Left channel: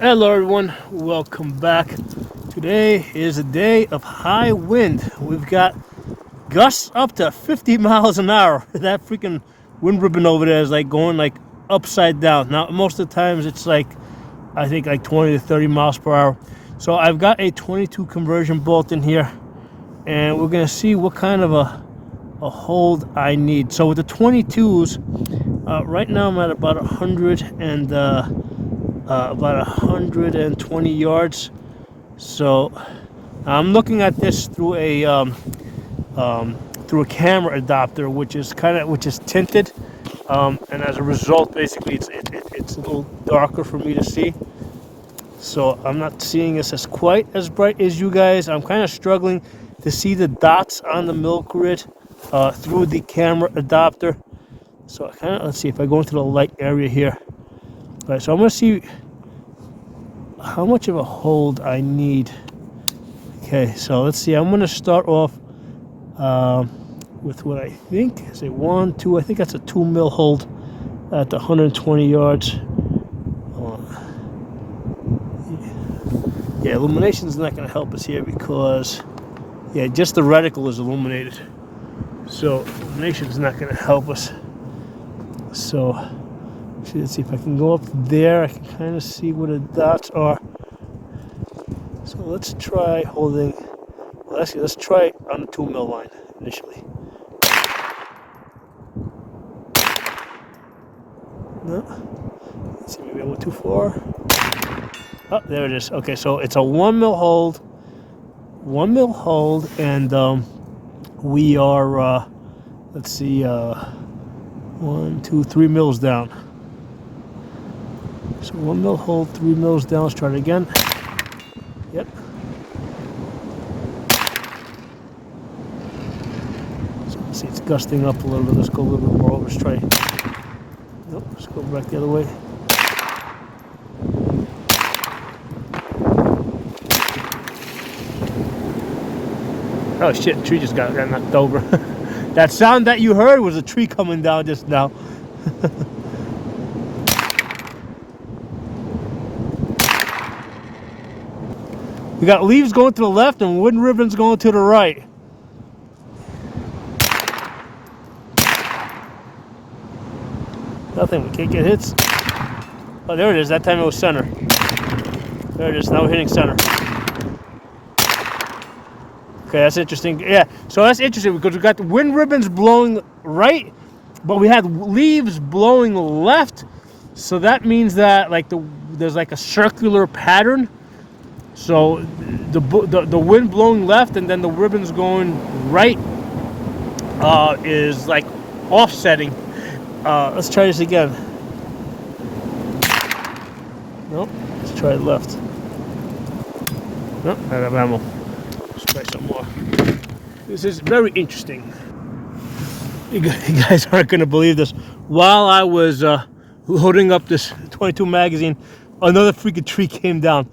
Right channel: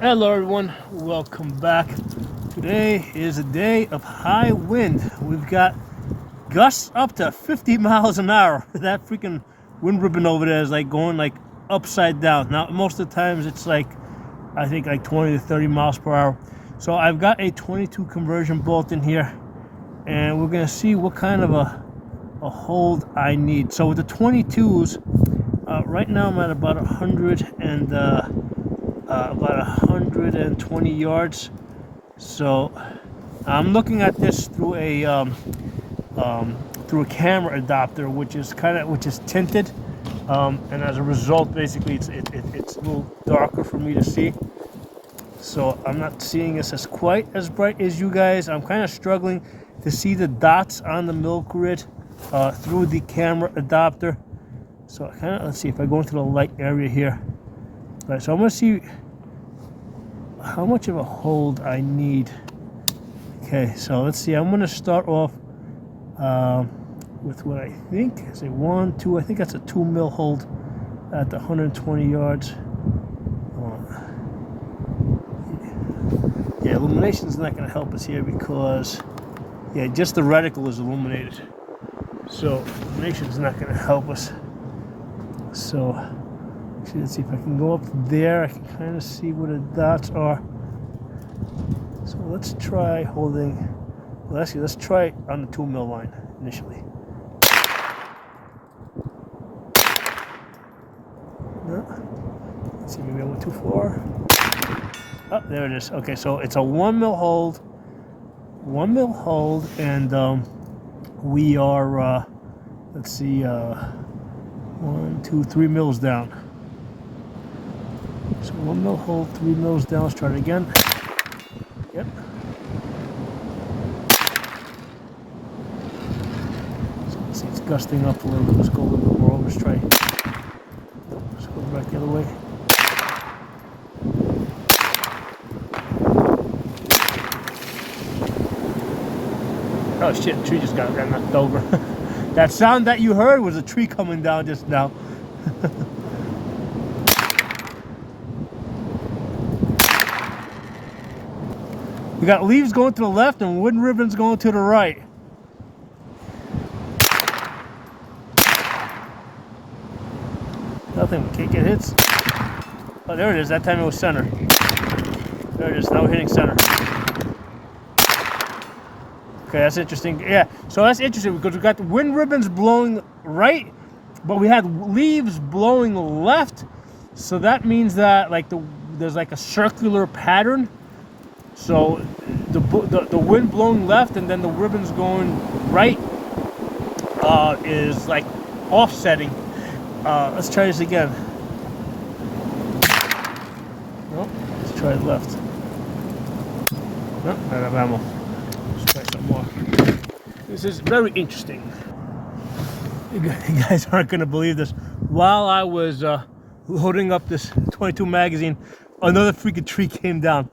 Hello everyone, welcome back. Today is a day of high wind. We've got gusts up to 50 miles an hour. That freaking wind ribbon over there is like going like upside down. Now most of the times it's like, I think like 20 to 30 miles per hour. So I've got a 22 conversion bolt in here and we're gonna see what kind of a hold I need. So with the 22s, right now I'm at about 120 yards. So I'm looking at this through a camera adapter, which is tinted, and as a result, basically it's a little darker for me to see. So I'm not seeing this as quite as bright as you guys. I'm kind of struggling to see the dots on the milk grid through the camera adapter. So let's see if I go into the light area here. All right, so I'm gonna see how much of a hold I need. Okay, so let's see. I'm going to start off with what I think is a 1, 2. I think that's a 2 mil hold at the 120 yards. Yeah, illumination's not going to help us here because, yeah, just the reticle is illuminated. So illumination's not going to help us. So let's see if I can go up there. I can kind of see where the dots are. So let's try holding. Well, actually, let's try it on the 2 mil line initially. No. Let's see, maybe I went too far. Oh, there it is. Okay, so it's a 1 mil hold. 1 mil hold, and we are. Let's see. 1, 2, 3 mils down. So 1 mil hold, 3 mils down. Let's try it again. Yep. So let's see, it's gusting up a little bit. Let's go a little bit more. Let's try. Nope, let's go back the other way. Oh shit, the tree just got knocked over. That sound that you heard was a tree coming down just now. We got leaves going to the left and wooden ribbons going to the right. Nothing, we can't get hits. Oh, there it is. That time it was center. There it is. Now we're hitting center. Okay, that's interesting. Yeah, so that's interesting because we got the wind ribbons blowing right, but we had leaves blowing left. So that means that like there's like a circular pattern. So the wind blowing left and then the ribbons going right is like offsetting. Let's try this again. Nope. Let's try it left. Nope. I got ammo. Let's try some more. This is very interesting. You guys aren't going to believe this. While I was loading up this 22 magazine, another freaking tree came down.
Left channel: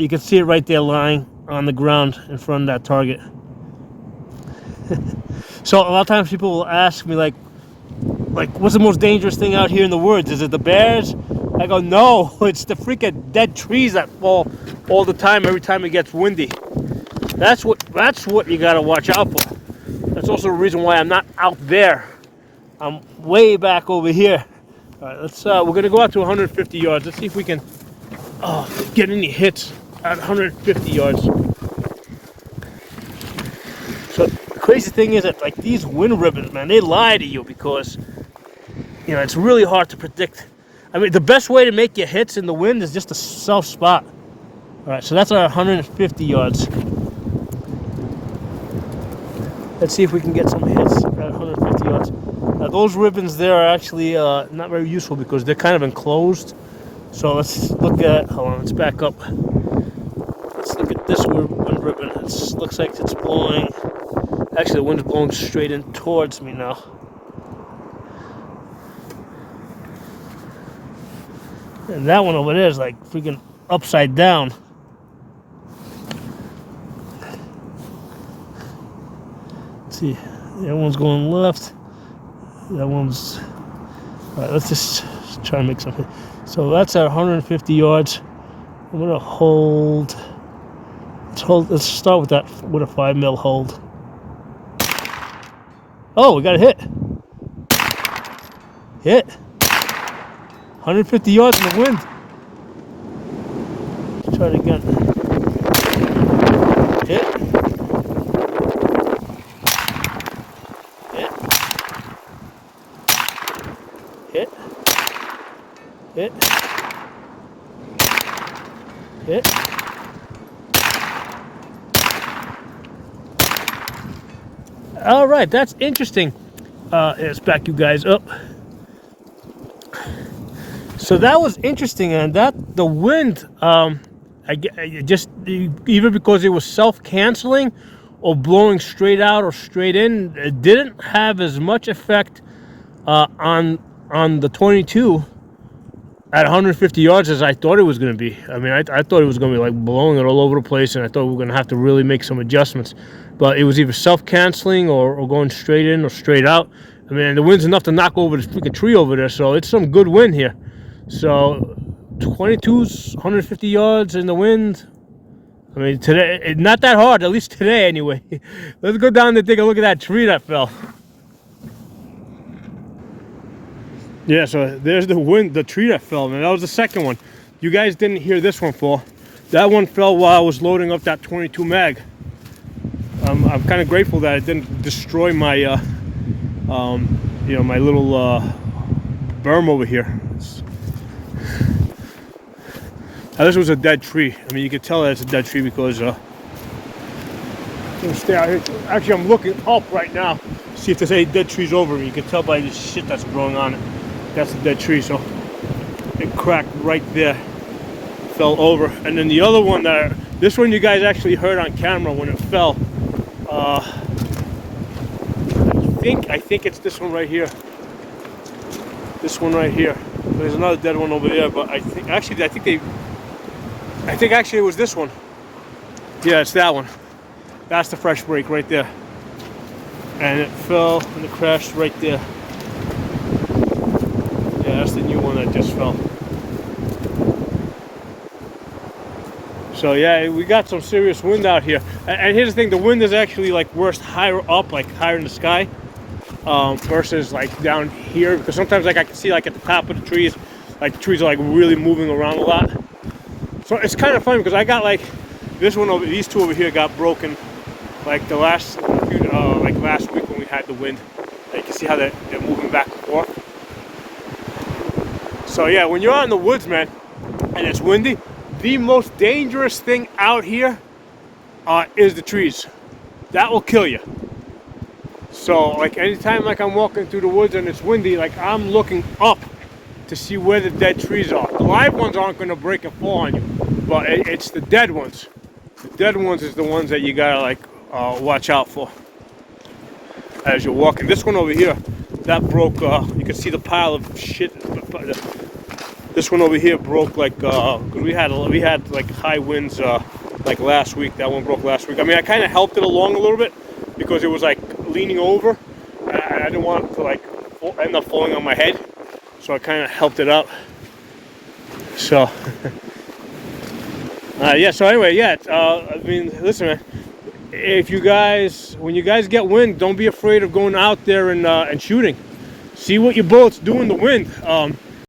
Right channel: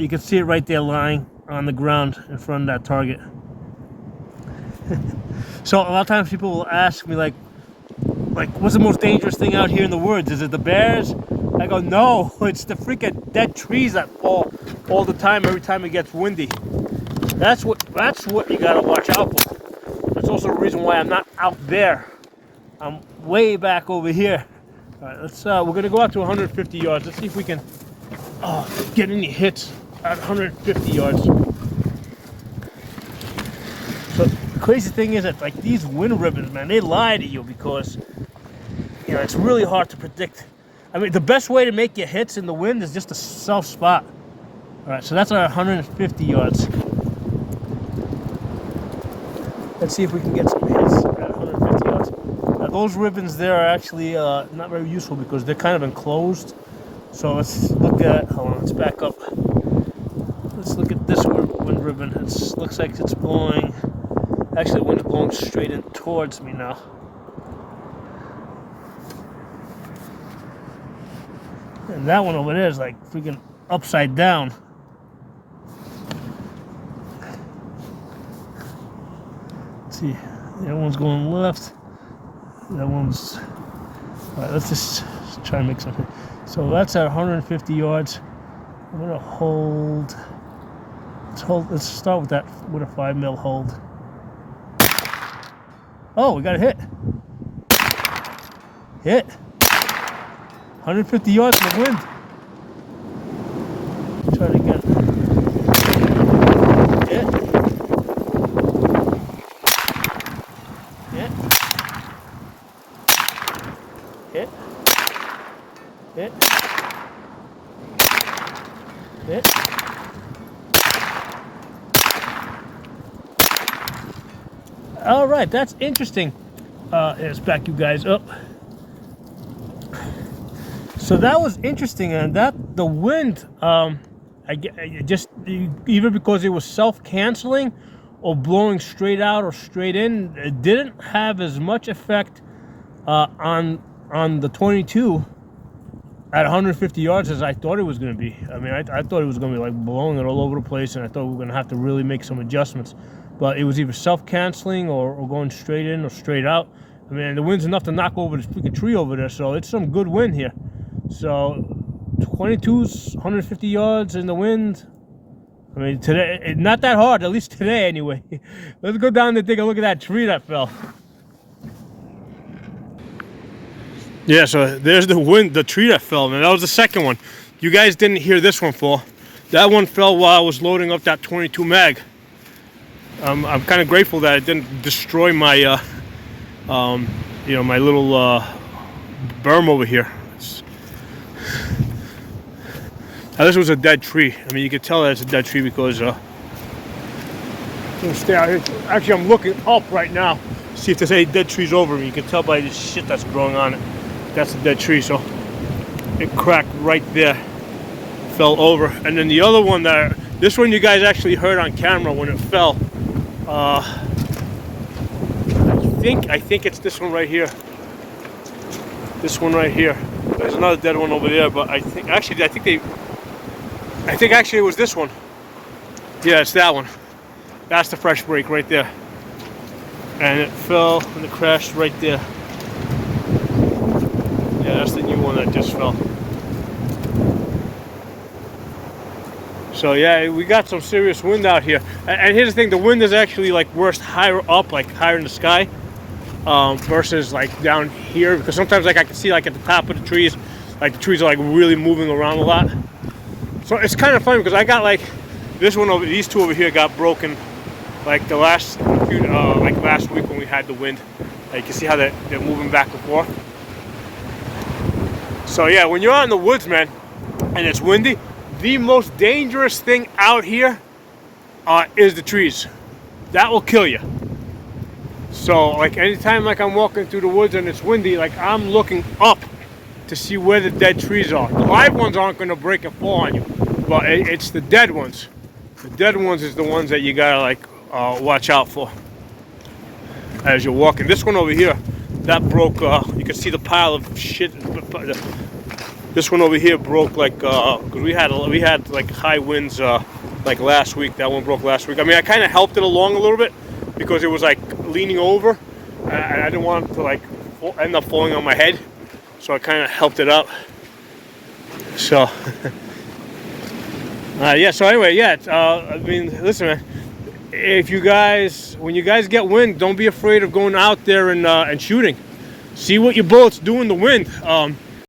You can see it right there lying on the ground in front of that target. So a lot of times people will ask me like what's the most dangerous thing out here in the woods? Is it the bears? I go, no, it's the freaking dead trees that fall all the time every time it gets windy. That's what you gotta watch out for. That's also the reason why I'm not out there. I'm way back over here. All right, let's we're gonna go out to 150 yards. Let's see if we can get any hits at 150 yards. So the crazy thing is that like these wind ribbons, man, they lie to you because you know it's really hard to predict. I mean, the best way to make your hits in the wind is just to self spot. All right, so that's our 150 yards. Let's see if we can get some hits at 150 yards. Those ribbons there are actually not very useful because they're kind of enclosed. So let's look at, hold on, let's back up. Let's look at this wind ribbon. It looks like it's blowing, actually the wind's blowing straight in towards me now. And that one over there is like freaking upside down. Let's see, that one's going left. That one's, all right, let's just try and make something. So that's at 150 yards. I'm gonna hold. Let's start with that with a 5 mil hold. Oh, we got a hit. Hit. 150 yards in the wind. Let's try it again. Hit. Hit. Hit. Hit. Hit. All right, that's interesting. Let's back you guys up. So that was interesting, and that the wind, either because it was self-canceling or blowing straight out or straight in, it didn't have as much effect on the 22 at 150 yards as I thought it was going to be. I mean, I thought it was going to be like blowing it all over the place, and I thought we were going to have to really make some adjustments. But it was either self-canceling or going straight in or straight out. I mean, the wind's enough to knock over this freaking tree over there, so it's some good wind here. So 22's 150 yards in the wind. I mean, today, not that hard, at least today anyway. Let's go down and take a look at that tree that fell. Yeah, so there's the wind, the tree that fell, man. That was the second one. You guys didn't hear this one fall. That one fell while I was loading up that 22 mag. I'm kind of grateful that it didn't destroy my, you know, my little berm over here. Now, this was a dead tree. I mean, you can tell that it's a dead tree because I'm gonna stay out here. Actually, I'm looking up right now, see if there's any dead trees over me. You can tell by the shit that's growing on it. That's a dead tree, so it cracked right there, fell over. And then the other one, this one you guys actually heard on camera when it fell. I think it's this one right here. This one right here. There's another dead one over there, but I think actually it was this one. Yeah, it's that one. That's the fresh break right there. And it fell and it crashed right there. Yeah, that's the new one that just fell. So yeah, we got some serious wind out here. And here's the thing, the wind is actually like worst higher up, like higher in the sky, versus like down here. Because sometimes like I can see like at the top of the trees, like the trees are like really moving around a lot. So it's kind of funny because I got like this one over, these two over here got broken like the last few, like last week when we had the wind. Like you see how they're moving back and forth. So yeah, when you're out in the woods, man, and it's windy, the most dangerous thing out here is the trees. That will kill you. So like anytime like I'm walking through the woods and it's windy, like I'm looking up to see where the dead trees are. The live ones aren't going to break and fall on you, but it's the dead ones. The dead ones is the ones that you gotta like watch out for as you're walking. This one over here, that broke. You can see the pile of shit. This one over here broke like because we had like high winds like last week. That one broke last week. I mean, I kind of helped it along a little bit because it was like leaning over, and I didn't want it to like end up falling on my head. So I kind of helped it out. So yeah. So anyway, yeah. I mean, listen, man. When you guys get wind, don't be afraid of going out there and shooting. See what your bullets do in the wind.